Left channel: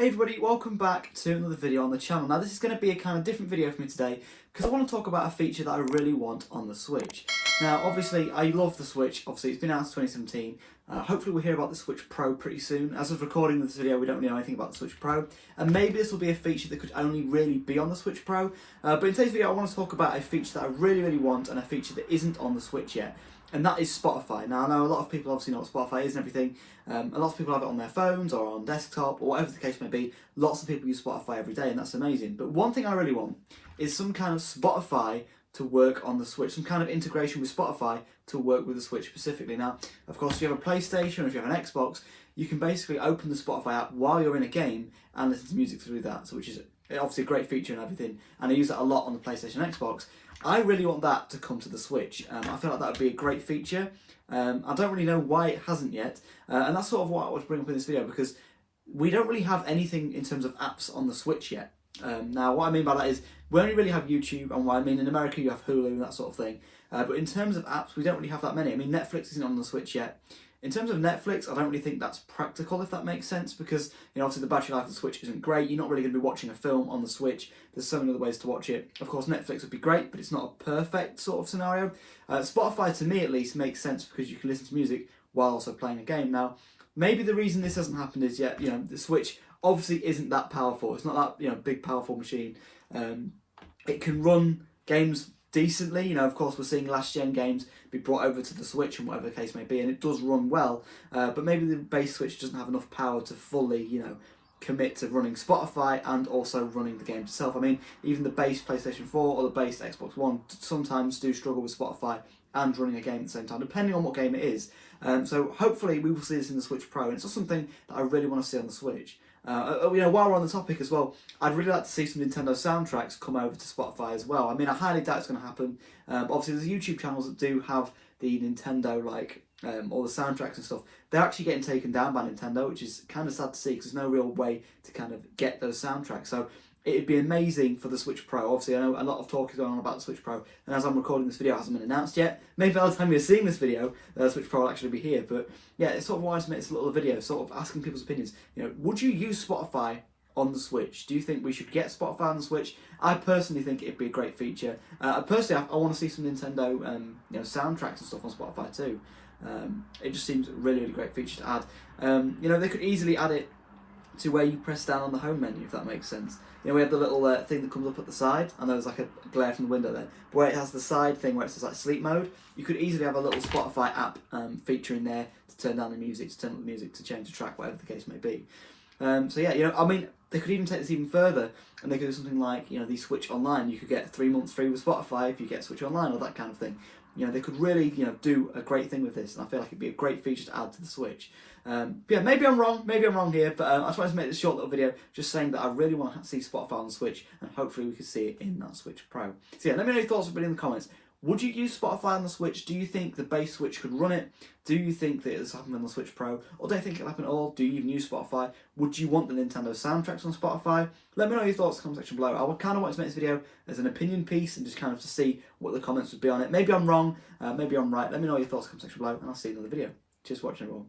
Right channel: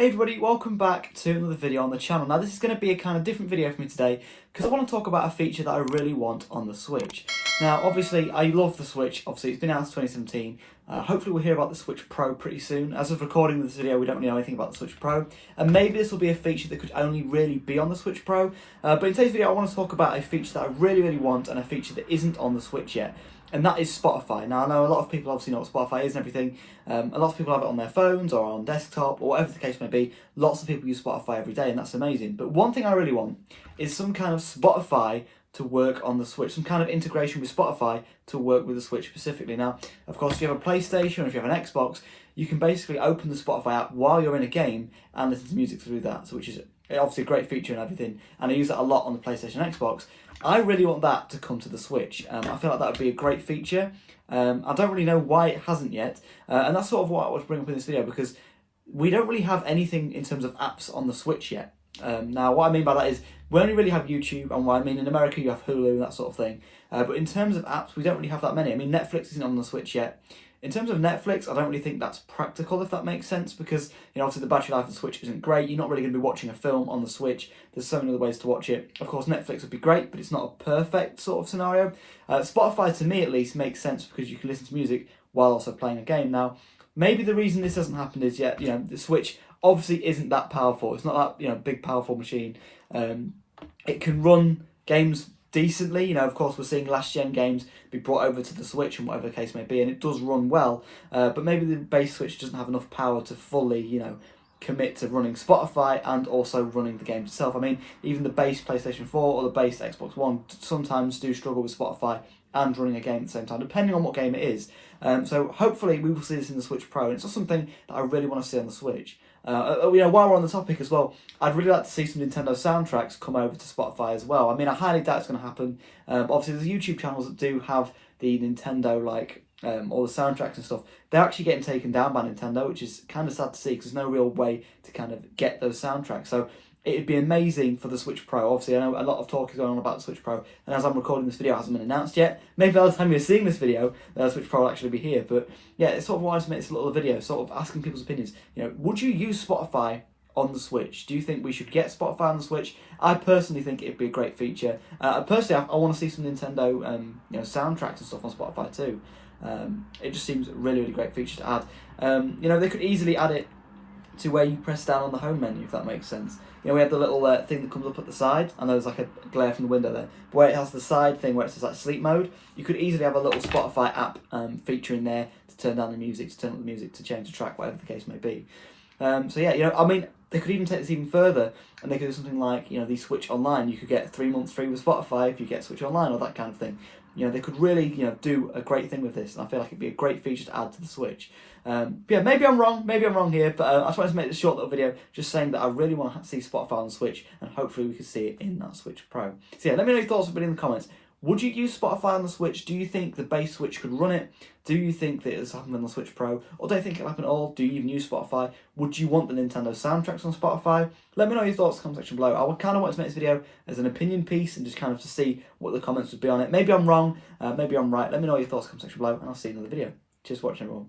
Hey everybody, welcome back to another video on the channel. Now this is going to be a kind of different video for me today because I want to talk about a feature that I really want on the Switch. Now obviously I love the Switch, obviously it's been out since 2017, hopefully we'll hear about the Switch Pro pretty soon. As of recording this video we don't really know anything about the Switch Pro, and maybe this will be a feature that could only really be on the Switch Pro, but in today's video I want to talk about a feature that I really want and a feature that isn't on the Switch yet. And that is Spotify. Now, I know a lot of people obviously know what Spotify is and everything. A lot of people have it on their phones or on desktop or whatever the case may be. Lots of people use Spotify every day and that's amazing. But one thing I really want is some kind of Spotify to work on the Switch, some kind of integration with Spotify to work with the Switch specifically. Now, of course, if you have a PlayStation or if you have an Xbox, you can basically open the Spotify app while you're in a game and listen to music through that, so which is obviously a great feature and everything, and I use that a lot on the PlayStation and Xbox. I really want that to come to the Switch. I feel like that would be a great feature. I don't really know why it hasn't yet, and that's sort of what I want to bring up in this video because we don't really have anything in terms of apps on the Switch yet. Now, what I mean by that is we only really have YouTube, and what I mean in America you have Hulu and that sort of thing. But in terms of apps, we don't really have that many. I mean, Netflix isn't on the Switch yet. In terms of Netflix, I don't really think that's practical, if that makes sense, because obviously the battery life of the Switch isn't great. You're not really going to be watching a film on the Switch. There's so many other ways to watch it. Of course, Netflix would be great, but it's not a perfect sort of scenario. Spotify, to me at least, makes sense because you can listen to music while also playing a game. Now, maybe the reason this hasn't happened is yet, the Switch obviously isn't that powerful. It's not that big powerful machine. It can run games decently. Of course, we're seeing last gen games be brought over to the Switch and whatever the case may be, and it does run well, but maybe the base Switch doesn't have enough power to fully commit to running Spotify and also running the game itself. I mean, even the base PlayStation 4 or the base Xbox One sometimes do struggle with Spotify and running a game at the same time, depending on what game it is. So hopefully we will see this in the Switch Pro, and it's not something that I really want to see on the Switch. While we're on the topic as well, I'd really like to see some Nintendo soundtracks come over to Spotify as well. I mean, I highly doubt it's going to happen. Obviously, there's YouTube channels that do have the Nintendo, all the soundtracks and stuff. They're actually getting taken down by Nintendo, which is kind of sad to see because there's no real way to kind of get those soundtracks. So it'd be amazing for the Switch Pro. Obviously, I know a lot of talk is going on about the Switch Pro, and as I'm recording this video, it hasn't been announced yet. Maybe by the time you're seeing this video, the Switch Pro will actually be here. But yeah, it's sort of why I make this little video, sort of asking people's opinions. Would you use Spotify on the Switch? Do you think we should get Spotify on the Switch? I personally think it'd be a great feature. Personally, I want to see some Nintendo soundtracks and stuff on Spotify too. It just seems a really great feature to add. They could easily add it to where you press down on the home menu, if that makes sense. We have the little thing that comes up at the side. I know there's like a glare from the window there, but where it has the side thing where it says like sleep mode, you could easily have a little Spotify app feature in there to turn down the music, to turn up the music, to change the track, whatever the case may be. So yeah, I mean, they could even take this even further, and they could do something like, the Switch Online. You could get 3 months free with Spotify if you get Switch Online, or that kind of thing. They could really, do a great thing with this, and I feel like it'd be a great feature to add to the Switch. Yeah, maybe I'm wrong here, but I just wanted to make this short little video just saying that I really want to see Spotify on the Switch, and hopefully we can see it in that Switch Pro. So yeah, let me know your thoughts in the comments. Would you use Spotify on the Switch? Do you think the base Switch could run it? Do you think that it's happened on the Switch Pro? Or do you think it'll happen at all? Do you even use Spotify? Would you want the Nintendo soundtracks on Spotify? Let me know your thoughts in the comment section below. I kind of want to make this video as an opinion piece and just kind of to see what the comments would be on it. Maybe I'm wrong, maybe I'm right. Let me know your thoughts in the comment section below, and I'll see you in another video. Cheers for watching, everyone.